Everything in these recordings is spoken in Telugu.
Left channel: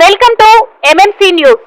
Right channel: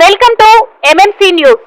Welcome to MMC news.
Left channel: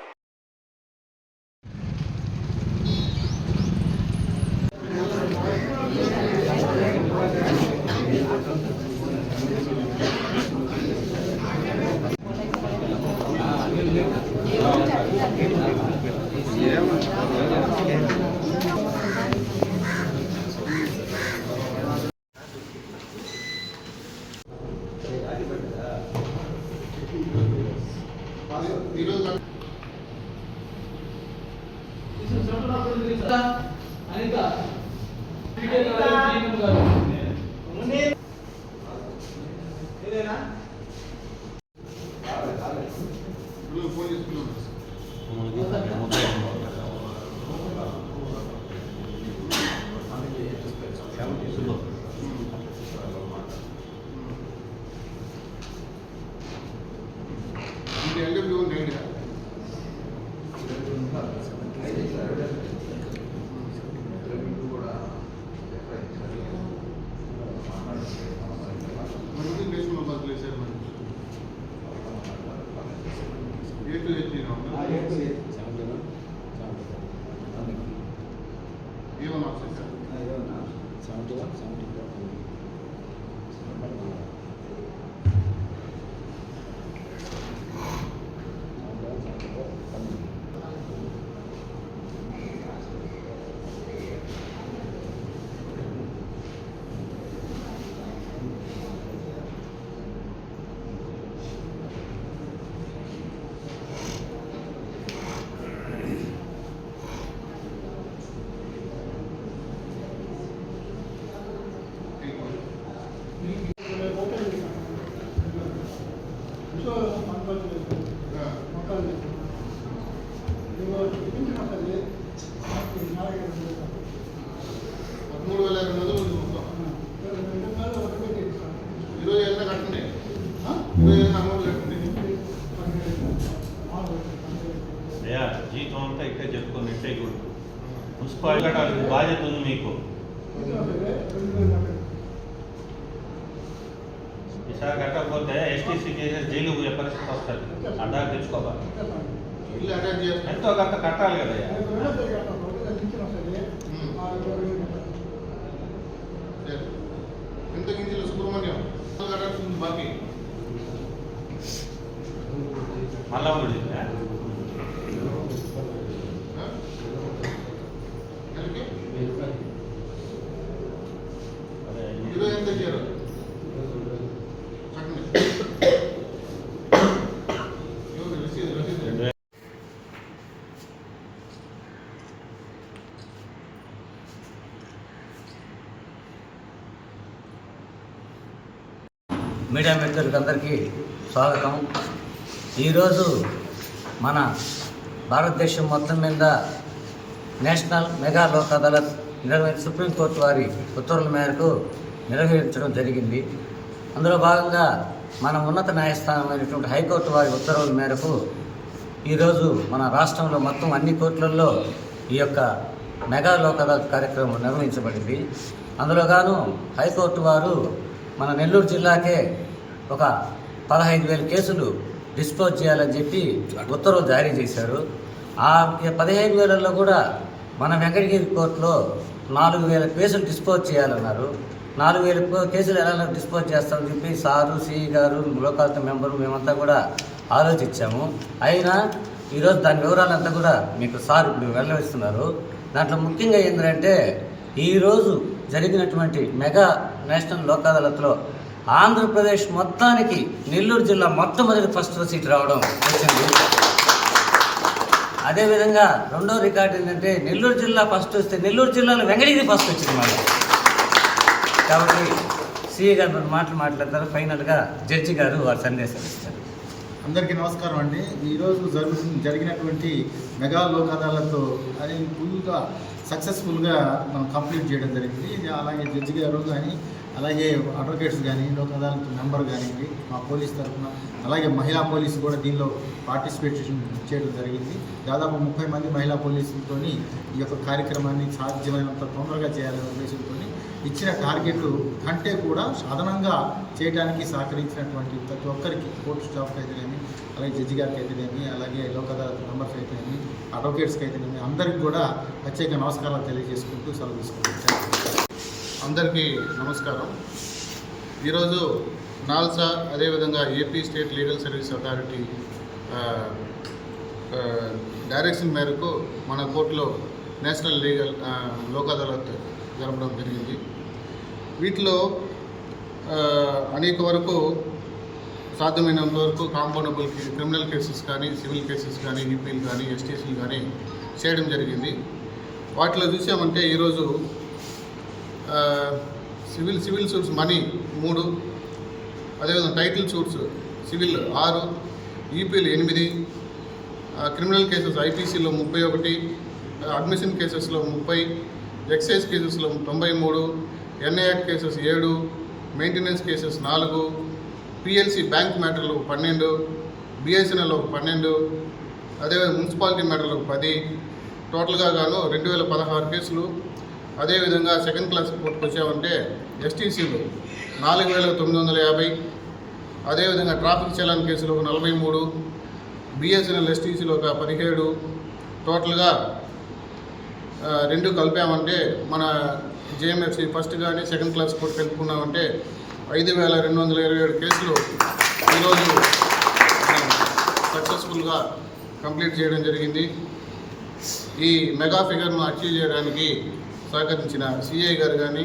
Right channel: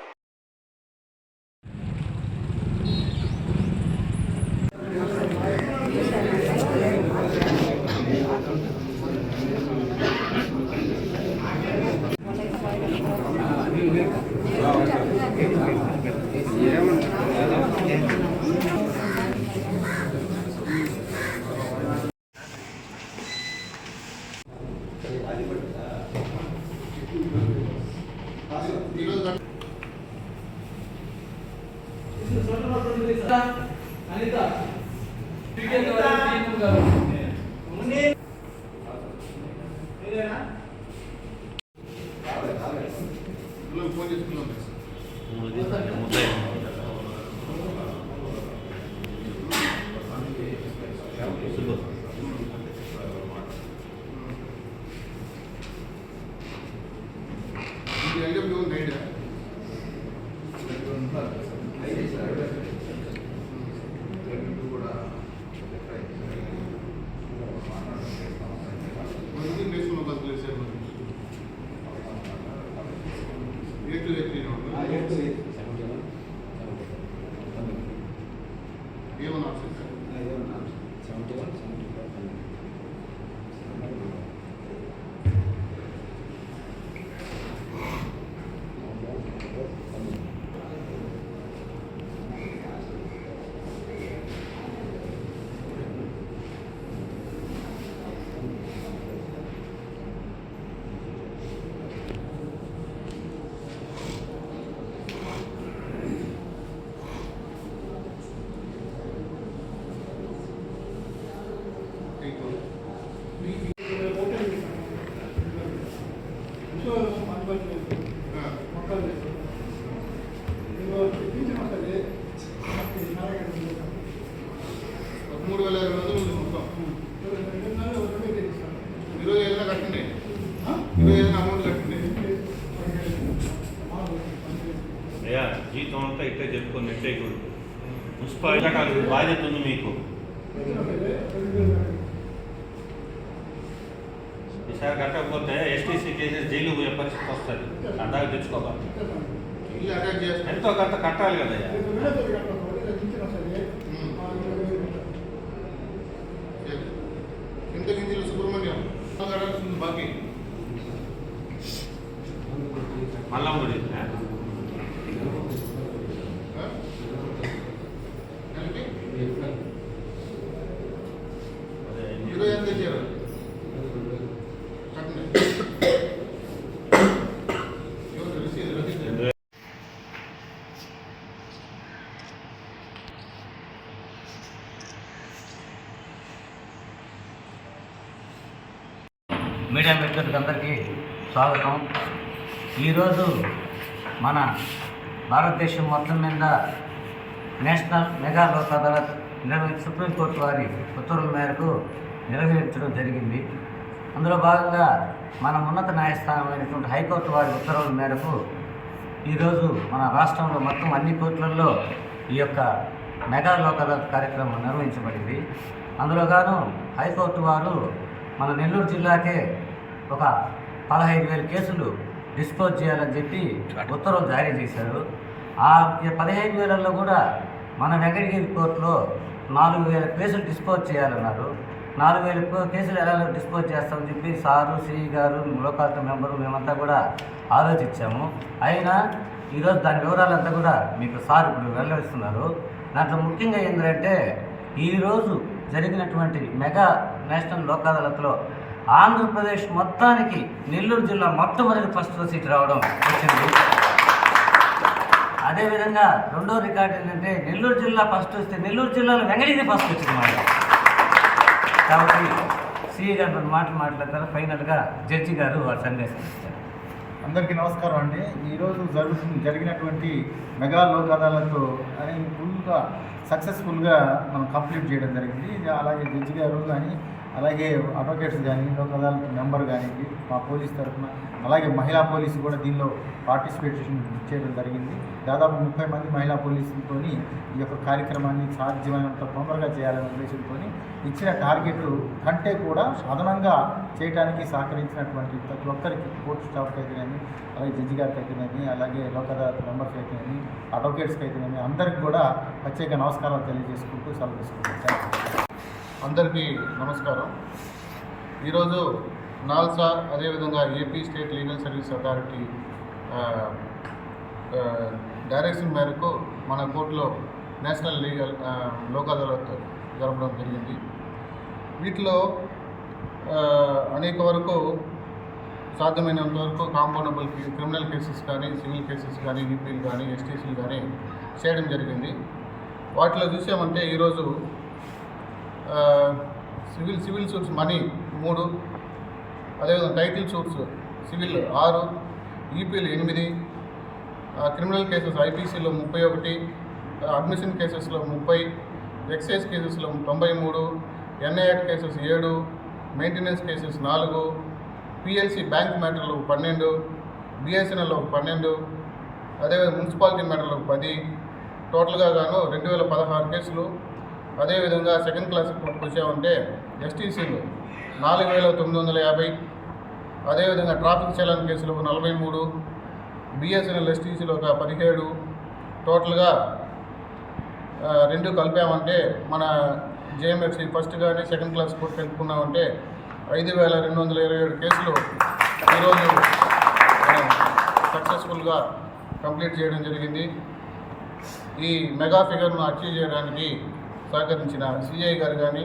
జీతం అంతా ఇట్టే చెప్పుకొని ఇట్టే మున్సిపాలిటీ బాధ్యత ఉంది మీకు. ఈసారి కట్టకపోతే ఎస్టీసీ కేసెస్ జైలు పోయే పరిస్థితి వస్తుంది. అడ్డాకు తెచ్చుకోవాలి, ఎంతో కొంత కట్టాలి కదయ్యా. సుబ్రహ్మణ్యం బాకీ మళ్ళా కూడా ఎంత ఇచ్చారు? మీడియా మిత్రులకి అందరికీ స్వాగతం. ఈరోజు మన భారతదేశం మొత్తం మీద national mega Lok Adalat supreme court వారి ఉత్తర్వుల మేరకు నిర్వహించడం జరిగింది. అందులో భాగంగా మన ఉన్నత న్యాయస్థానమైనటువంటి హైకోర్టు వారి ఉత్తర్వుల మేరకు ఈరోజు మన రాష్ట్రంలో మొత్తం అన్ని కోర్టులలో ఈ యొక్క మెగా లోక్ అదాలత్ కార్యక్రమం నిర్వహించబడింది. అందులోగాను హైకోర్టు వారు మన నెల్లూరు జిల్లాకే ఒక 15,000 కేసులు డిస్పోజ్ చేయాలని చెప్పి ఉత్తర్వులు జారీ చేశారు. ఆ 15,000లో కూడా మన వెంకటగిరి కోర్టులో 4,000 కేసులు డిస్పోజ్ చేయాలన్నారు. 4,000 కేసులు ఎలా డిస్పోజ్ చేస్తామని చెప్పి సారు, సిఈ గారు, లోకాయుక్త మెంబరు మేమంతా కూడా ఆలోచించాము. అయినా ఈరోజు దాని వివరాలంతా కూడా మీకు సార్ ఇప్పుడు వెల్లడిస్తున్నారు. దాంట్లో ముఖ్యంగా ఏంటంటే ఈరోజు జరిగినటువంటి మెగా నేషనల్ లోక్ అదాలత్లో ఆంధ్రప్రదేశ్ మొత్తానికి నెల్లూరు జిల్లా మొట్టమొదటి ఫస్ట్ సీట్ రావడం వచ్చింది. అదేవిధంగా రెండో రికార్డు ఏంటంటే నెల్లూరు జిల్లా ఫస్ట్ వస్తే నెల్లూరు జిల్లాలో వెంకటగిరి ఫస్ట్ వచ్చింది మాట. కాబట్టి సిఏ గారు మన మాట్లాడతారు. ఫైనల్గా జడ్జి గారు వారి సందేశం ఇస్తారు. అందరికీ నమస్కారం అండి. ఈరోజు జరిగినటువంటి మెగా లోక్ అదాలత్ అని ఫుల్గా సక్సెస్ఫుల్గా మనం కంప్లీట్ చేయడం జరిగింది. ఇది అలాగే జడ్జి గారు కానీ అలాగే అడ్వకేట్స్ కానీ లోక్ అదాలత్ మెంబర్ కానివ్వండి మా పోలీస్ తరఫున, అలాగే మహిళా పోలీసు కూడా దీనిలో పార్టిసిపేషన్ చేయడం జరిగింది. దాదాపు 30 మంది మహిళా పోలీసులతో ఈ యొక్క కార్యక్రమాన్ని సాధ్యమైనంత తొందరగా చేయాలనే ఉద్దేశంతో ఇచ్చిన టార్గెట్ కంటే కూడా అదనంగా చేయడానికి సహకరించినటువంటి ప్రతి ఒక్కరికి, కోర్టు స్టాఫ్కి అయితేనేమి, అలాగే జడ్జి గారికి అయితేనేమి, అలాగే లోక్ అదాలత్ మెంబర్స్ అయితేనేమి, అడ్వకేట్స్కి అయితేనేమి, అందరికీ కూడా ప్రత్యేక నమస్కారాలు తెలియజేసుకుంటూ సెలవు తీసుకుంటాం. అందరికీ నమస్కారం. ఈరోజు నాల్సా అదేవిధంగా AP state legal service authority direction మేరకు మన కోర్టులో నేషనల్ లీగల్ లోక్ అదాలత్ జరపడం జరిగింది. వీటిలో అనేక వరకు సాధ్యమైనంత వరకు కాంపౌండబుల్ క్రిమినల్ కేసెస్ కానీ, సివిల్ కేసెస్ కానీ, ఈపీలు కానీ, ఎస్టీసీలు కానీ చేయడం జరిగింది. వాటిలో చూసామంటే ఈరోజు సివిల్ సూట్స్ మనీ 3, అదేవిధంగా టైటిల్ సూట్స్ సివిల్ 6, ఈపీలు 8, క్రిమినల్ కేసెస్ ఐపీసీలో 31, అడ్మిషన్ కేసెస్లో 30, ఎక్సైజ్ కేసెస్లో 93, NI act cases 7, maintenance cases 4, PLC bank మ్యాటర్లు 12, బిఎస్ఎన్ఎల్ 12, అదేవిధంగా మున్సిపాలిటీ మ్యాటర్లు 10, టోటల్గా గాను 2016 కేసులు. అదేవిధంగా సెకండ్ క్లాస్ కోర్టుకు వచ్చామంటే ఎస్టీసీలు 4950, అదేవిధంగా ట్రాఫిక్ చలాన్ కేసులు 43, బిఎస్ఎన్ఎల్ ఎస్టీసీలో ఒక 17, టోటల్గా 2 కలిపామంటే మన జేఎంఎఫ్సీ ఫస్ట్ కానీ సెకండ్ క్లాస్ కోర్టు తెలుపుకున్నామంటే 5227 కేసులు ఈరోజు సక్సెస్ఫుల్గా కంప్లీట్ చేయడం జరిగింది. ఈ మెగా ఫిగర్ను అచీవ్ చేయడానికి సహకరించిన సిఐ గారు కానీ,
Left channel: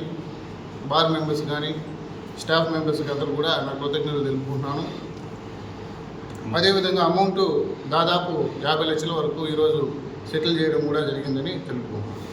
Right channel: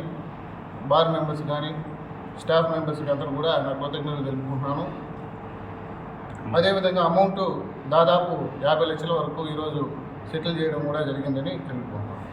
బార్ మెంబర్స్ కానీ, స్టాఫ్ మెంబర్స్కి అందరూ కూడా నా కృతజ్ఞతలు తెలుపుకుంటున్నాను. అదేవిధంగా అమౌంట్ దాదాపు 50 లక్షల వరకు ఈరోజు సెటిల్ చేయడం కూడా జరిగిందని తెలుపుకుంటున్నాను.